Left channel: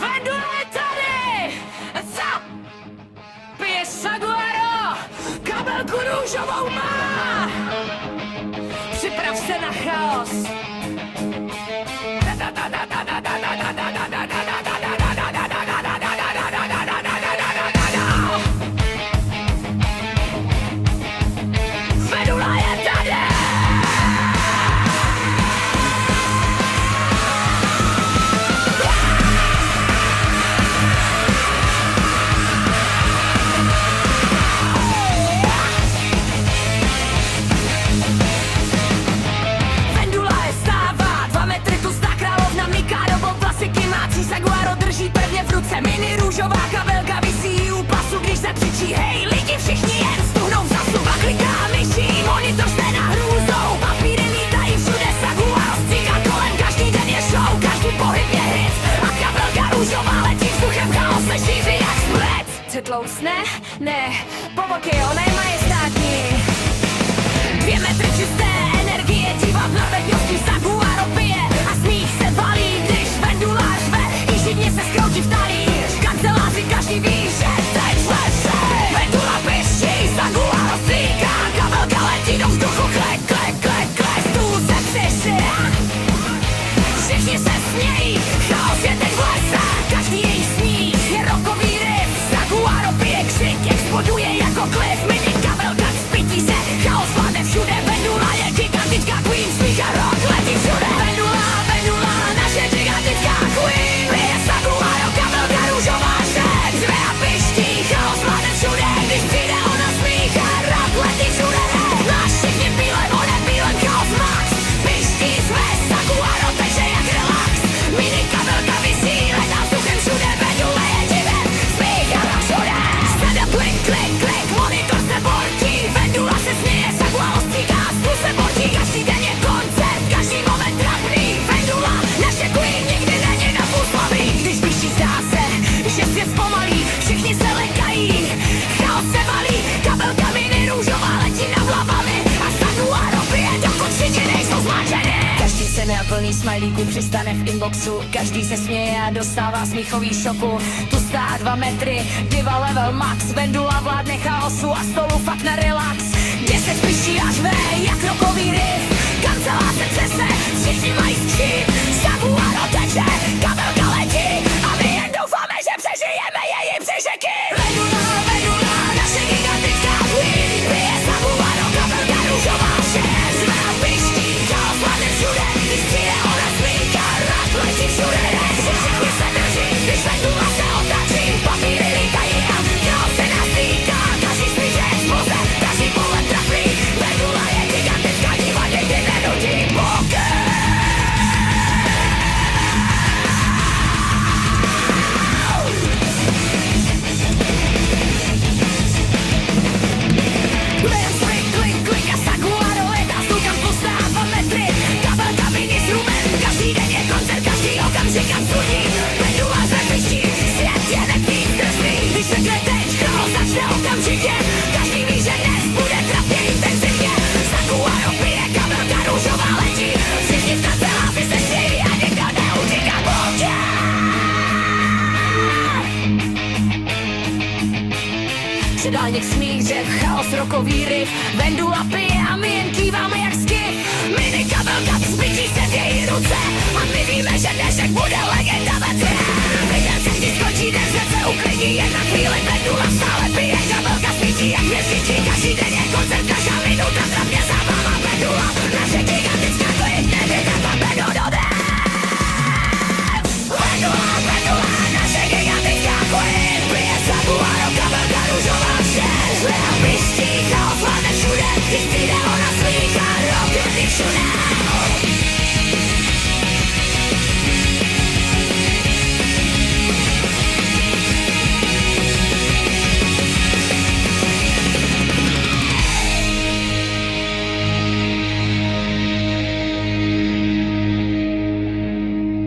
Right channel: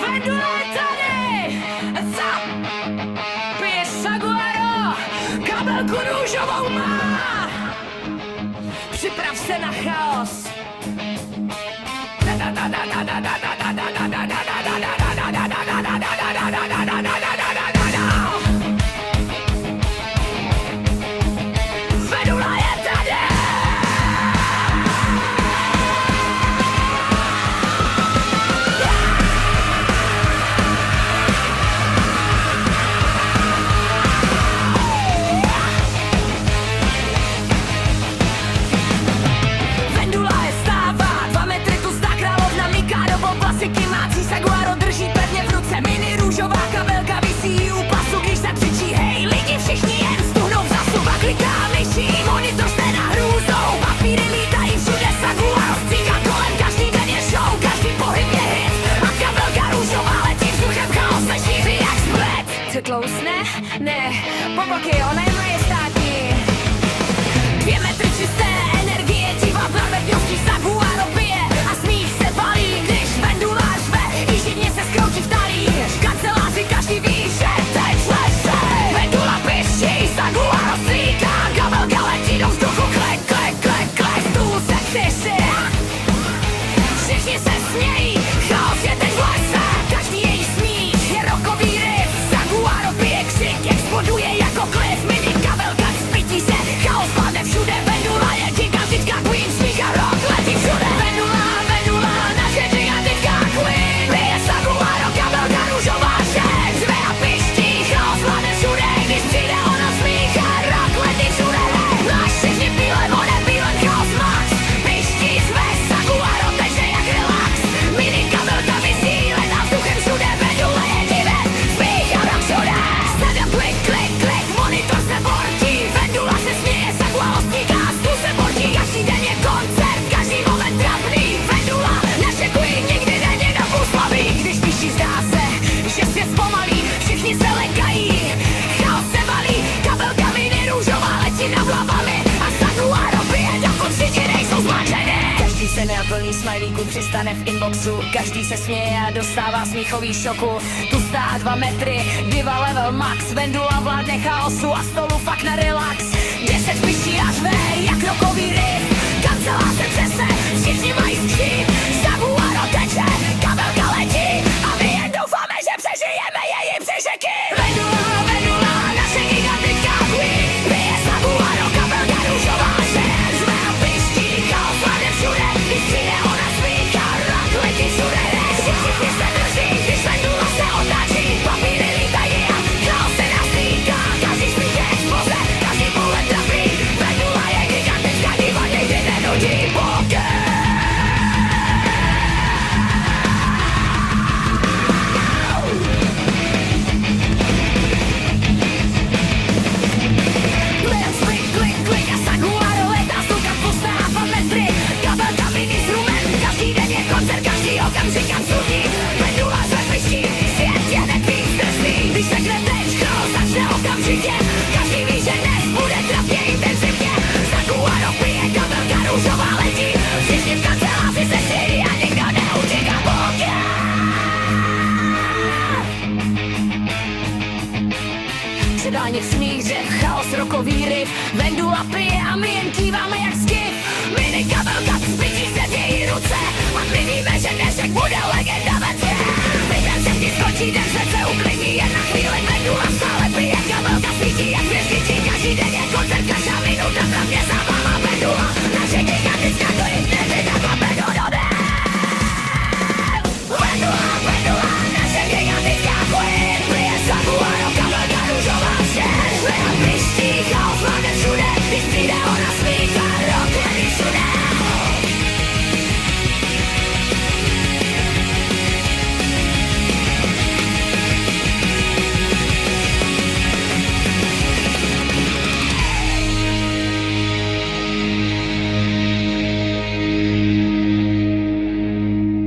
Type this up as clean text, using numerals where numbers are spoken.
Vendula je tady! Co? Piješ saguaro? Kabelku růžovou má! Připrav se na chaos! Vendula je tady! Vendula je stává, 2 metry tlustá královna míká do klasiky mácí saguaro drží pevně v ruce. Mini růžová kabelka visí u pasu, když se přičí hej, lidi všichni jen stuhnou v zasu. A kliká myší, monitor jste na hrůzou, papíry lítají všude, saguaro stříká kolem, každý den je show, každý pohyb je hit. A kabelka růžová letí vzduchem, chaos se šíří jak splet. Co tlousne? Ne, poboky, ona je majestátní. 2 metry čisté energie, diva v narvetnosti saguaro pije a smích se valí, když vendula řve, i živně se skroutí v talíř. V kanceláři každý ví, že teď leže. Vendula piští, saguaro stříká, kabelka letí do vzduchu, klek, klek, klek, klek, stůl se třeší. Všichni se smějí, chaos je teď v lese, každý její smích je rockový riff. Saguaro pije křik, exploduje jako klif, mini kabelka spítí se, chaos vládne všude, vendula je gigantická queen, smích a rock letí všude. Vendula, vendula, naše gigantická queen, pije saguaro, kabelka růžová šek, řve a piští, chaos vládne všude, když přijde ona, smích a rock letí všude. Náš všichni pílem, on je pílem, chaos max, piští, řve, saguaro teče jak relax, mini kabelka visí, letá vzduchem všude, vendula je divem, smích a rock všude. Sedem klik, klik, klik, monitor se bortí, vendula se směje, saguaro stříká, stůl se bortí, každý den je koncert, každý moment trapný, vendula, naše queen nikdy není na půl slabý. Když piští, zdá se, že svět zpomalí, všichni se lekají, chaos se valí, kabelka mini růžová letí nad hlavami a saguaro pije, dokud všichni nejsou zmačený. Každý se neplný smajlíků přistane v inboxu, každý se směje a dostává smíchový šoku. Tu stá 2 metry, diva level max, vendula vládne chaosu a stolu fakt na relax. 10 piští a řve, jak rockový riff, kancelář se třese, všichni mají skříp, saguaro teče, kabelka letí a my jen doufáme, že přežijeme její přežeky. Vendula, vendula, naše gigantická queen, pije saguaro, kabelka růžová šek, řve a piští, chaos vládne všude, když přijde ona, smích a rock letí všude. Všichni se drží, když vendula se otáčí, papíry lítají a chaos se nás týká, každý smích je exploze, každý pohled trapný, vendula je gigantická diva, nikdy nenudí poker. Během spring, klik, klik a saguaro letá, stůlkam tlustá 2 metry, kabelka mini s rumem, každý den je koncert, každý okamžik absurdní, vendula řve piští, svět je hned víc drsný, když řekne teď, chaos začne okamžitě, každý ví, že dnes bude trapně intenzivně, saguaro pije, kabelka růžová letí, všichni v kanceláři se smějí a nikdo neutíká poker. Předálník smích, řev, chaos, rockový riff, vendula pije a my jen kýváme jak skif. Mini kabelka zbytí se v její ruce a my víme, že dnešek bude legenda ve tě. Teď den se vždy skončí, den se uklidní jen na chvíli, vendula